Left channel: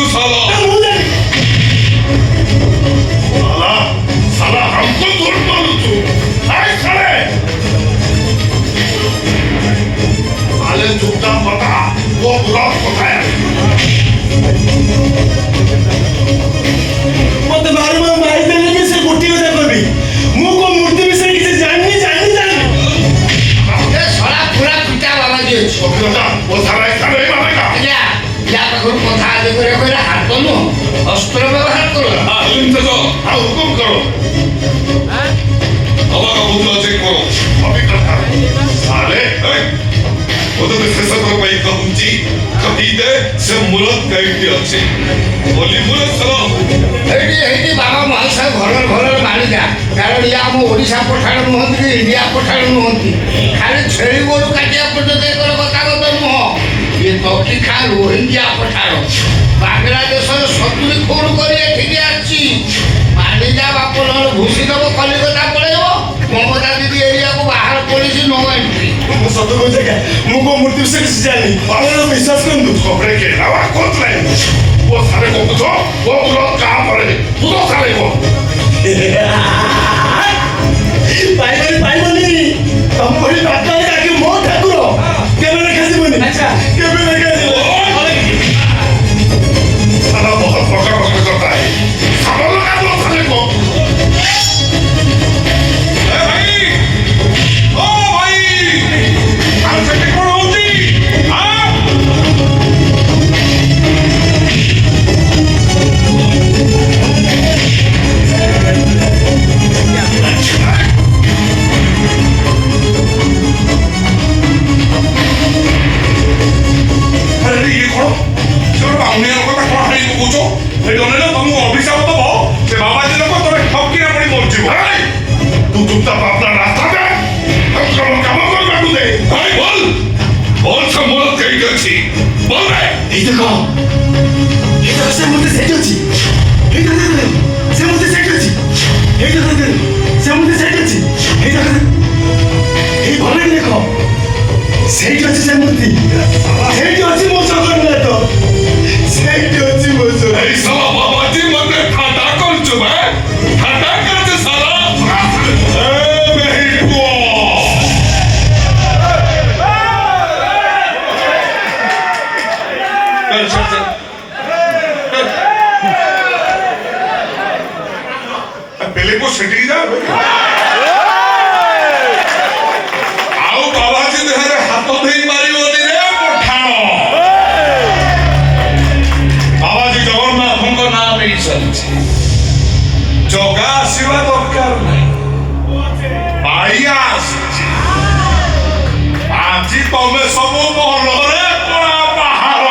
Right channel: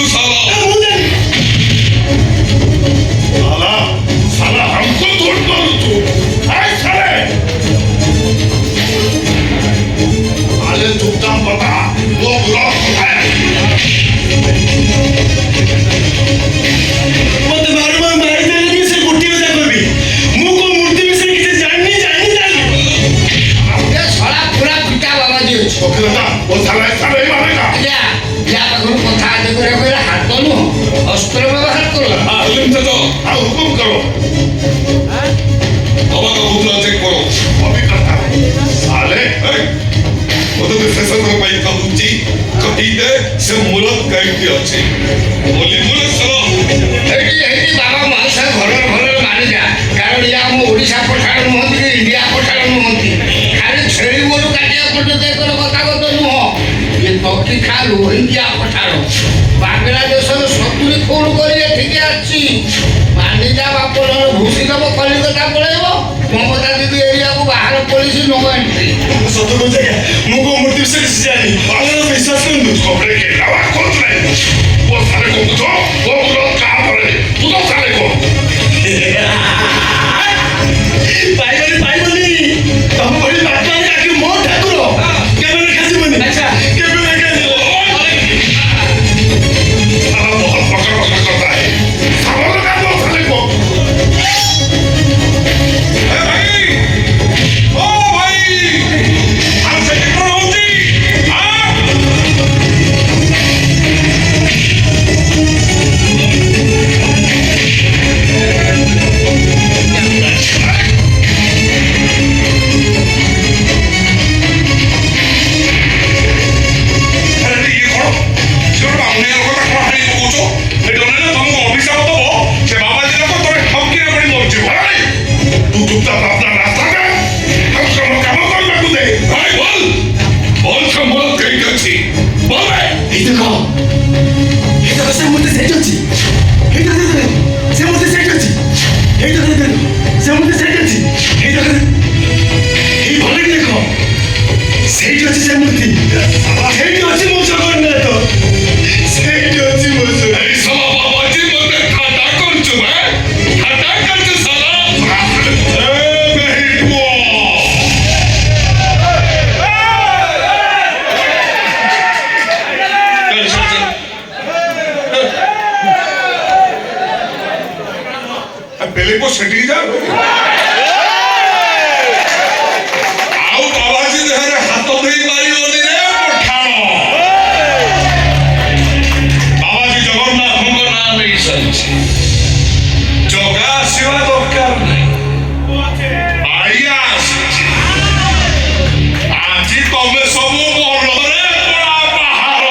तू साला साला साला हमको तोड़ मारू तू अरे साले साले चुपचाप बता वो बुरा होता है मत मार देने से गुट्टी में कर भी मुंह को मूर्ति में से किसी जाननी ये साला पूरा पिटा बाबा जी वो साला साले मारेगा या करो कथा आदि करे हाथ करो अस्त्र व्यवहार करो तुम तो हुकुम करो हमारा मुद्रा चेक करो अभी करता साले ওদের ফেসার ভাই কাউন্টি কহিদে সে মুরত গাইতে আছে বলি মুরত সালা ଏଠି ବାବା ମହାଶୟ ଭଲରେ ମାନିଯା କାରଣ ଇଏ ଆମ ଓଡ଼ିଶା ପଠାଣ ନୁହନ୍ତି କି ଇଣ୍ଡିଆ ପଠାଣ ନୁହନ୍ତି ଖାଲି ଛେଳି ଗୋରୁ କାଟିବା ପର୍ଯ୍ୟନ୍ତ ଏକର କଥା ନୁହଁ ଇଏ ତଟି ଖା ରୋହିଙ୍ଗ୍ୟା ପଠାଣ ବାଂଲାଦେଶର 70 ଖୋଣ କରି ଏଠିକି ଆସିଛି ମାନିଯା ବାପ ଭୁସି ଦେବ କଲିକତା ପଳେଇବ ମମତା ଦିଦି ଏରିଆକୁ ବାହାର ପୋଲିସ ନବ ଏଣ୍ଟ୍ରି सत्य को जगह मुंह को मूर्ति से किसी जाननी और विश्वास कर दो खबरे के नवा खोज रहे वो साले को पूछो वो मुरत कहाँ पड़े तू तो साले को पाई बोली हम बोली बात है कि मोर ठाकुर के मैंने कैसे बोली अच्छा के मैंने कैसे साला बहुत बड़ा करता है साले का दो साले को पहले को सेटिंग जा आओ बाबाजी देहरे हाथ धरी मारी बोली रे पठाण बाबाजी जगन्नाथଙ୍କ नाम नहीं सही जगा आशीर्वाद दरकार नहीं बाड़िया आज तमे सब मनरे पड़ा बाहर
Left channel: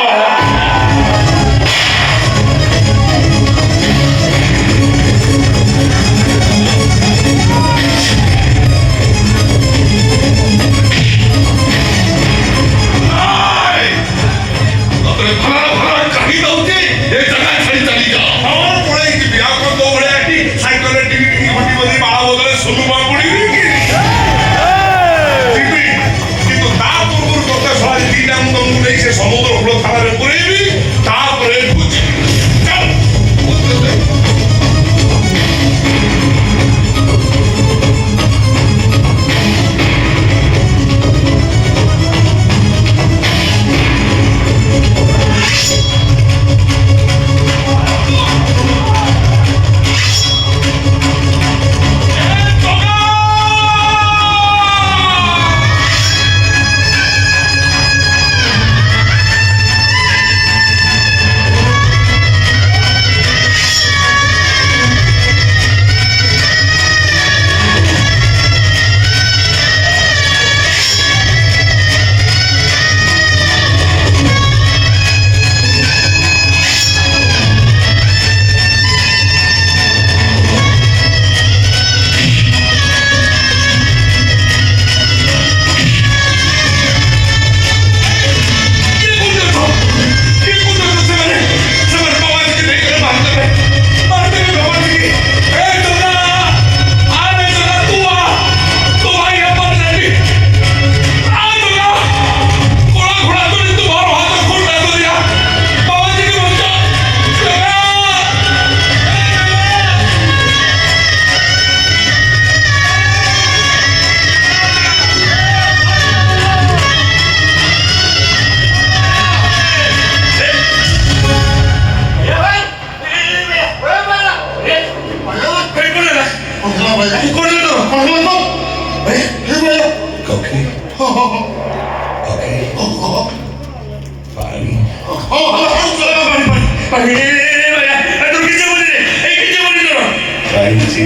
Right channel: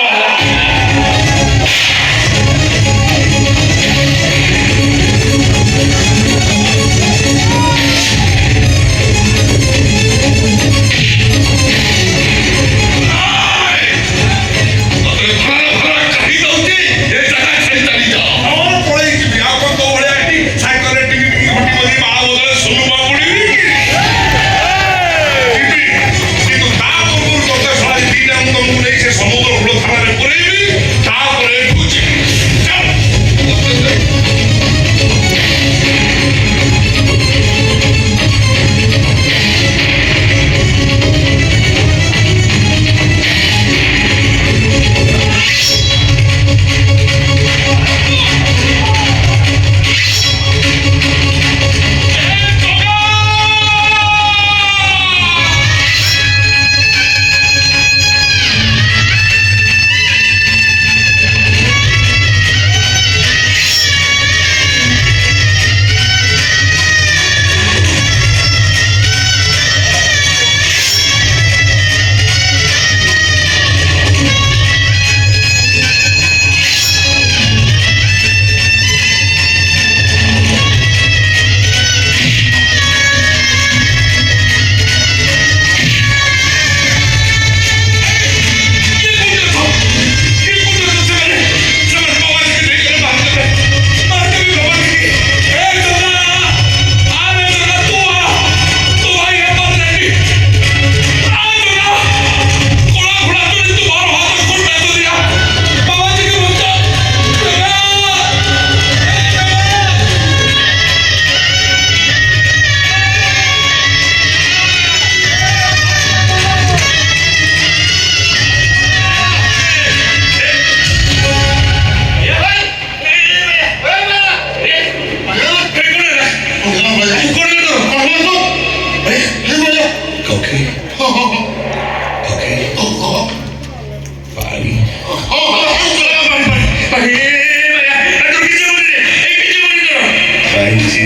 ପାଇଛି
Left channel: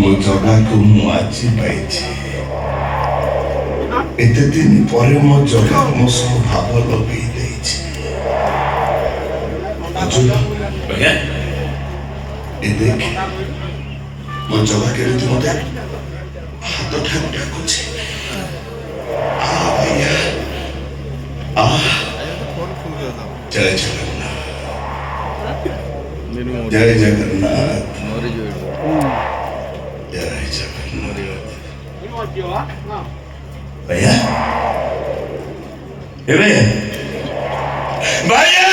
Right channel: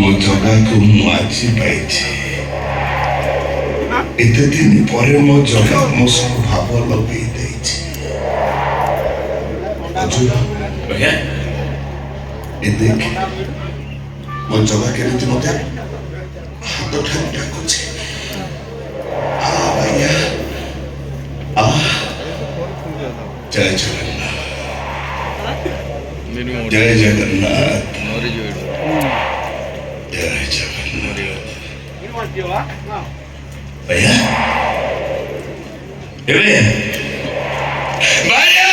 ମୋ ଜଗାକୁ ମୁଁ ଆଜି ପାଇଛି। ଏତେ ଦିନ ପରେ ମୋ ଜଗା ମୋ ସହ ଭାବ ଲଗେଇ ଦେଇଛି। ଏ ଦେଖ ମୋ ଜଗା କେମିତି ମତେ ହାତ ଠାରୁ ଡାକୁଛି। ଜୟ ଜଗନ୍ନାଥ, ଜୟ ଜଗନ୍ନାଥ, ଜୟ ଜଗନ୍ନାଥ। भैया भैया भैया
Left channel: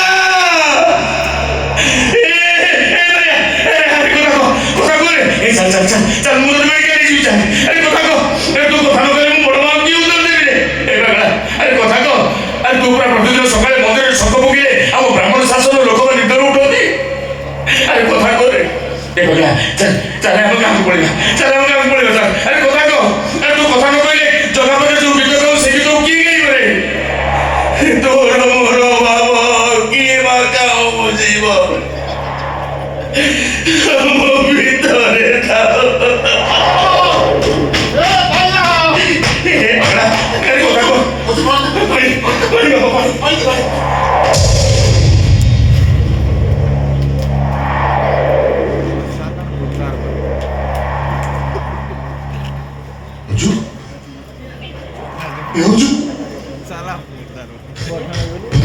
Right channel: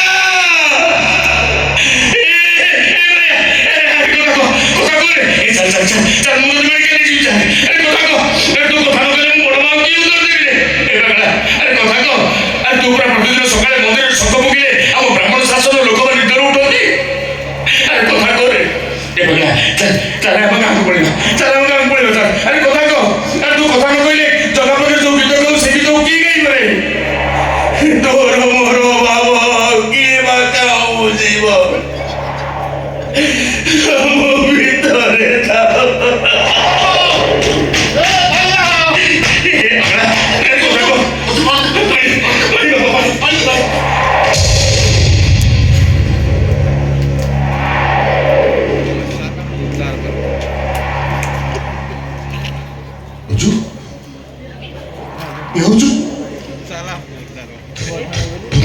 चल मुझे मैं क्या नहीं चाहे। अरे कोथा को अरे तू कोथा न करे मुझे बड़वा की उधर दे दे। अरे कोथा को अरे तू पूरा प्रतिदिन सकाळे मंदिर शब्द मुगिले हम ब्राह्मण शासन लोक में निदर उठोती। अरे कोथा को रे ए भैया चल चल हम काम पड़ेगा, चल हम काम पड़ेगा चल। अरे कोथा को अरे तू कोथा न कहले जगह में जो गीत गाऊं से गीत की गई रे तोरो मोरो बाबा की बाकाऊ जीवन मो भीतरे था।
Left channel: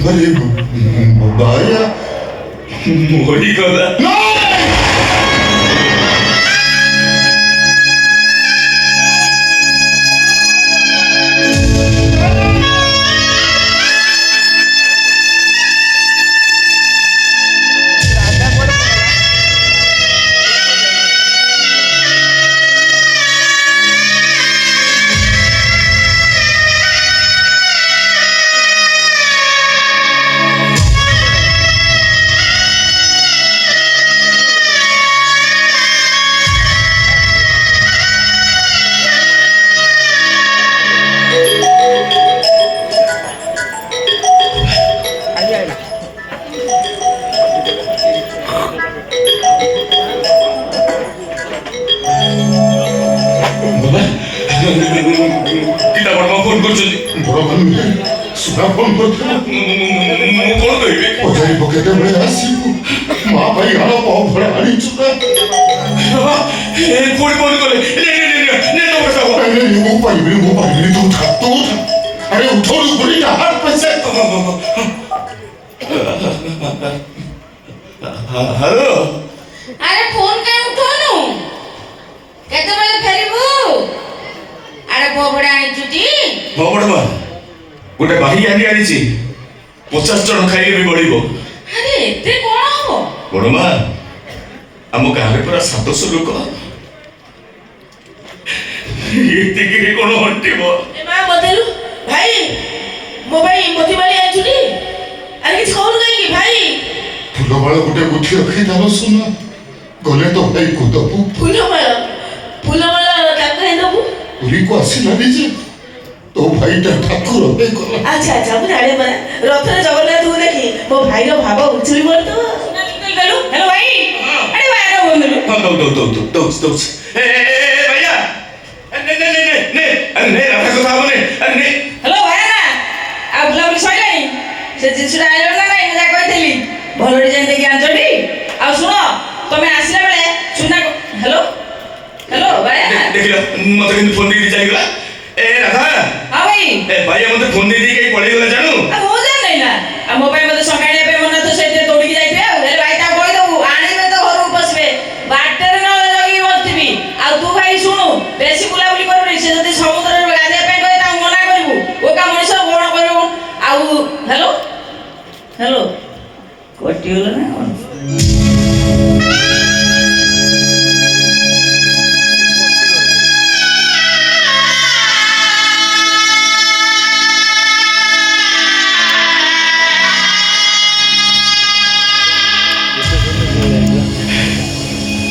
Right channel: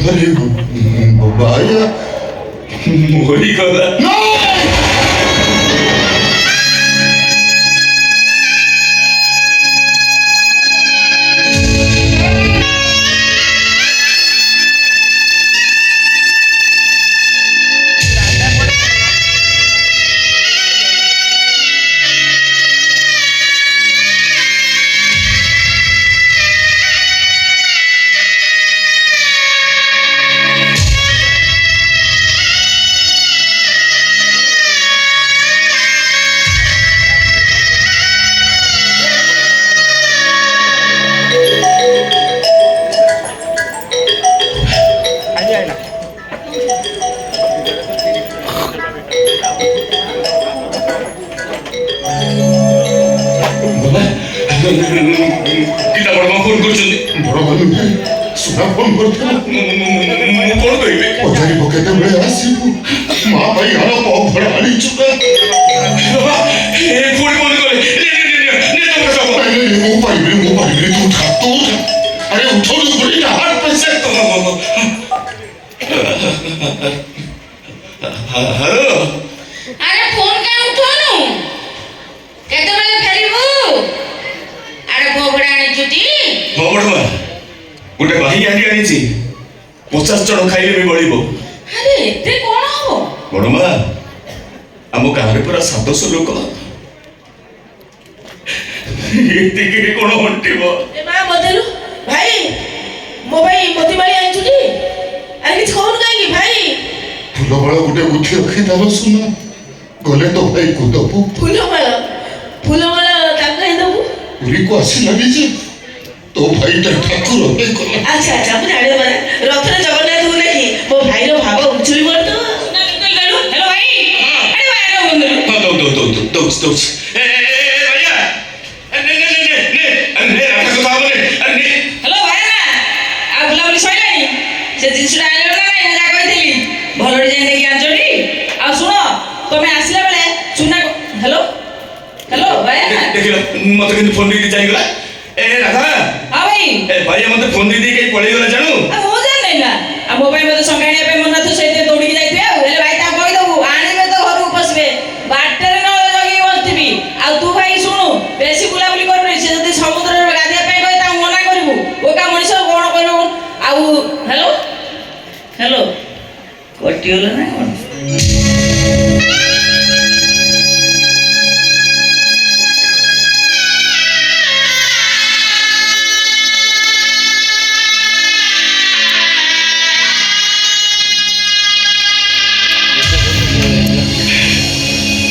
अरे बाया मोरी कदा किता बड़मा फोन करछन बड़ भाई सुना फोन करथे मो कोन कहिबे ओजारी पकेते बळे आसीबु मां भाई हला पाव फड़ा आनी चुका ए कोन फोन करे ने तो बसा ने मो भाई तू उठा अरे उठो तू बड़ी हाथ पैसे हेलो अरे फोन के उठोनु केते बेले फेरिबु अरे भोगड़ा आनी छुटी भोगड़ा गोटे बाही आनी आनीची 50 जन खाइले भी गळिबो। अरे एते कोन हो बड़मा हम गारे पूरा 700 लोक एते के कोन हंटिबो ए बा बदलु भाई मोबाइल मोती बारी आनी छुटी अरे किछ कोन काई भाई फुलमाला गोटे गुथी रखी दालो सुना गले तो भाई को दबु फुलमाला ताका हे दबु पुरी को आसी लगी जे तो भाई ता ठाकुर होते को अच्छा अच्छा मु जाने बरा रथरे जगन्नाथ को देखि मो भाई रो भाव उचुली मोर तो सुना निकल गलु हेलो भाई अरे भाई रो बंदलु तो ए भैया ने अरे रखा को साहब ने अरे हेलो भाई अब लवली सइलानी से जिसुडा आइलो ना ना जा कहथिली भलो डिजाइन देखि आंचडी आ सुनो तमे आसिला बेले सुना हेलो हेलो भाई देखिला मते किन फोन दी जाइगला ए राधा हां भाई ए भैया मते फोन दी के पळै गला जानु आ हो जा नै ना आ मोबाइल मते संगाणी पे मन तो सहित दौड़ी के जाइथे हेलो भाई ता कहि दबु आने में तो घर उपसबे बाटर न लगी बसथिबी आ तू भाई सुनु बेसी बुलाबुली करबे से जदी समुद्र रे गाधिया पे कहि ता मना करबु ओ का मनिष कोन करबु आ हेलो हेलो कटियोला ना कोन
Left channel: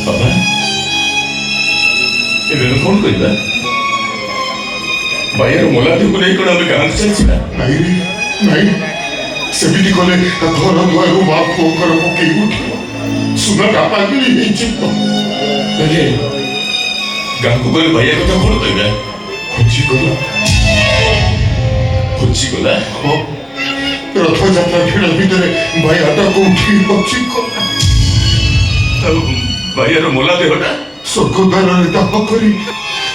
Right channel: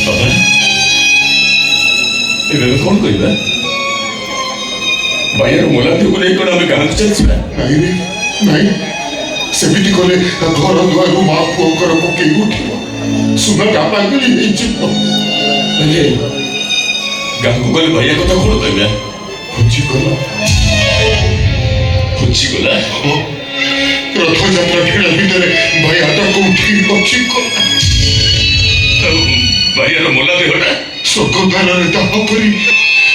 बाबा ए कौन कहिबा भैया मोला भी को नहीं कोन हम गांव चल छिबा नहीं रे ନାଇଁ ସେମିତି କଲେ ଘର ଦୁଆରୁ ମା ପୁଅଙ୍କର ପକେଇ ଉଠିବ ସୁନାଟା ପାଗଳି ହେଇଯିବ ହେଲେ ଗାଁକୁ ଗଲେ ଭାଇଆ କଥା କଣ କହିବା? ହଜିଗଲା ହଜିଗଲା। ହଁ ରଥଯାତ୍ରା ଭିଡ଼ ଭିତରେ ଭାଇଆଟା କୋଉଠି ହଜିଗଲା ଆଉ ଭାଇଆର ମୋଲା ଦେହଟା ସ୍ୱର୍ଗଦ୍ୱାରରେ ଦାହ କରି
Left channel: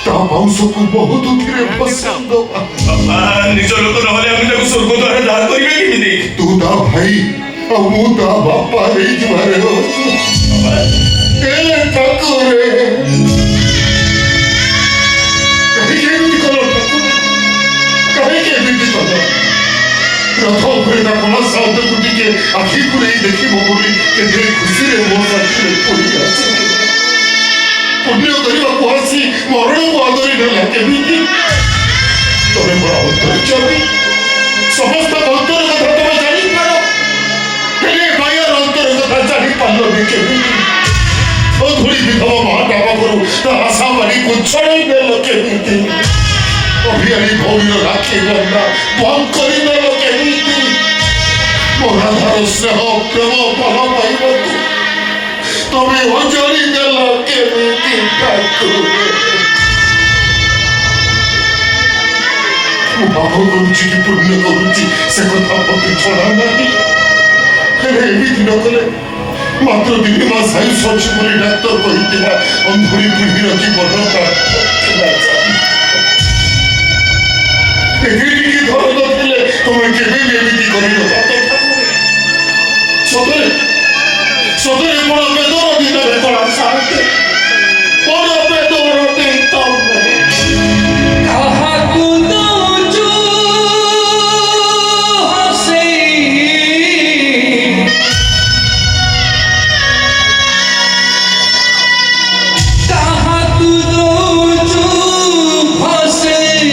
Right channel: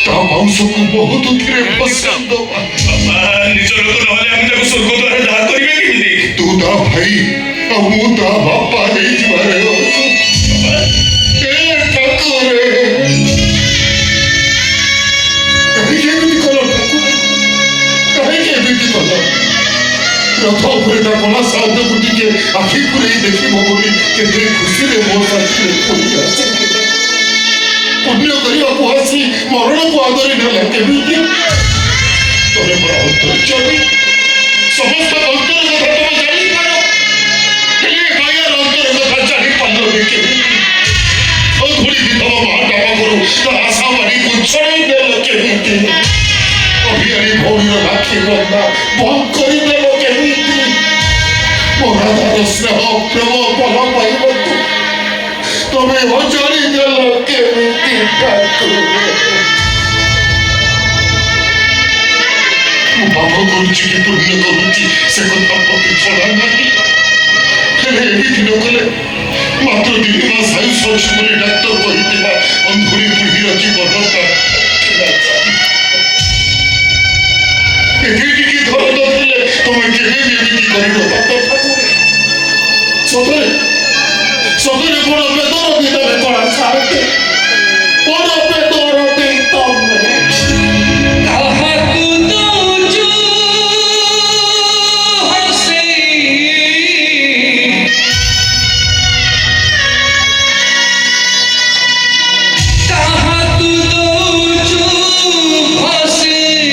ତା ମାଂସକୁ ବହୁତ ଥିରେ ଫସାଇ ଦବା ନିଜ ଲୋକ ନହେଲେ ଆମେ ତାକୁ ସ୍ୱର୍ଗ ଦ୍ୱାର ଦାହ କରିବେ କେମିତି? ତୁ ତା ଭାଇ ଆଉ ମୁଁ ତା ବାପା ହେଇଯିବାରେ ଠାକୁରେ କାହିଁକି ଏମିତି କଲ ଠାକୁର କାହିଁକି ଏମିତି କଲ ରଥ ଉପରେ ତା କଳା ସାଧକୁ ଟିକେ ଆଖି ପୁରେଇ ଦେଖିବ ବୋଲି କେତେ ଖୁସିରେ ମୋ ସାଥିରେ ପଡ଼ି ଆସିବ ପୁଣ୍ୟ କରିବାକୁ ଆସି ମରଣକୁ ଆଦରି ନେଲା କେମିତି ତମେ ମୋର ଅନ୍ତର୍ଯାମୀ ସମସ୍ତ ଅନ୍ତର କଥା ତମେ ଜାଣିପାର ହେଲେ ଗାୟାର ଅନ୍ତର କଥା ଜାଣିପାରିଲନି କେମିତି ଧୂଳି ବିଧବ ମହାଟା ପାଖରୁ ତା ଆଶା ବାଡ଼ିକୁ ଛଡ଼ାଇ ଦେଲ କେମିତି ଅଭିୟାନୀ ଭଉଣୀର ରାକ୍ଷୀ ବନ୍ଧା ବନ୍ଦ କରିଦେଲ କେମିତି ମୋ ରାଧାର ସ୍ନେହ ପ୍ରେମ ଭଲ ପାଇବାକୁ ତମେ ଅଜାଣି ଦେଲ କେମିତି ମୁଁ ପାପ କରୁଛି କି ପୁଣ୍ୟ କରୁଛି ସେ କଥା ପ୍ରତି ଛଡ଼ା ନାହିଁ ହେଲେ ଏମିତି ନ କଲେ ମାତ୍ର 3 ମାସ ଆୟୁଷ ଅଛି ବୋଲି ଡାକ୍ତର କହିଥିଲା ଅନ୍ଧୁଳି ପିଢ଼ିର ଜୀବନଟା ଏଠିକି ଧର ନଥିଲେ ତମେ କେବେ ବି ଏମିତି କରିବ ସତରେ ସତରେ ବଡ଼ ବେଦର ଦିନ ବେତଳା ସାହାଯ୍ୟ ବଡ଼ ବେଦର ଦେଇ ତମେ ତାହାକୁ ଦଉଛୁ ହସେଇ ତାହାକୁ ଦଉଛୁ ହସେଇ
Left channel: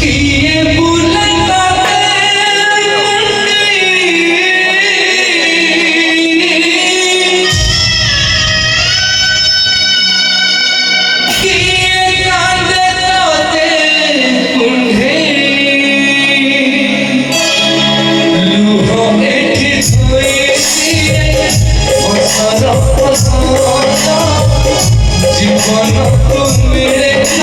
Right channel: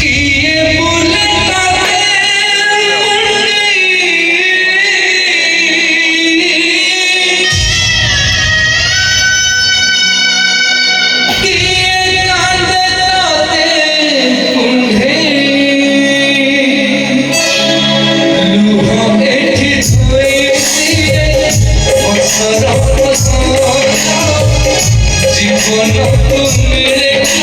କିଏ ବୁଲତା জীবন তুমি রেখে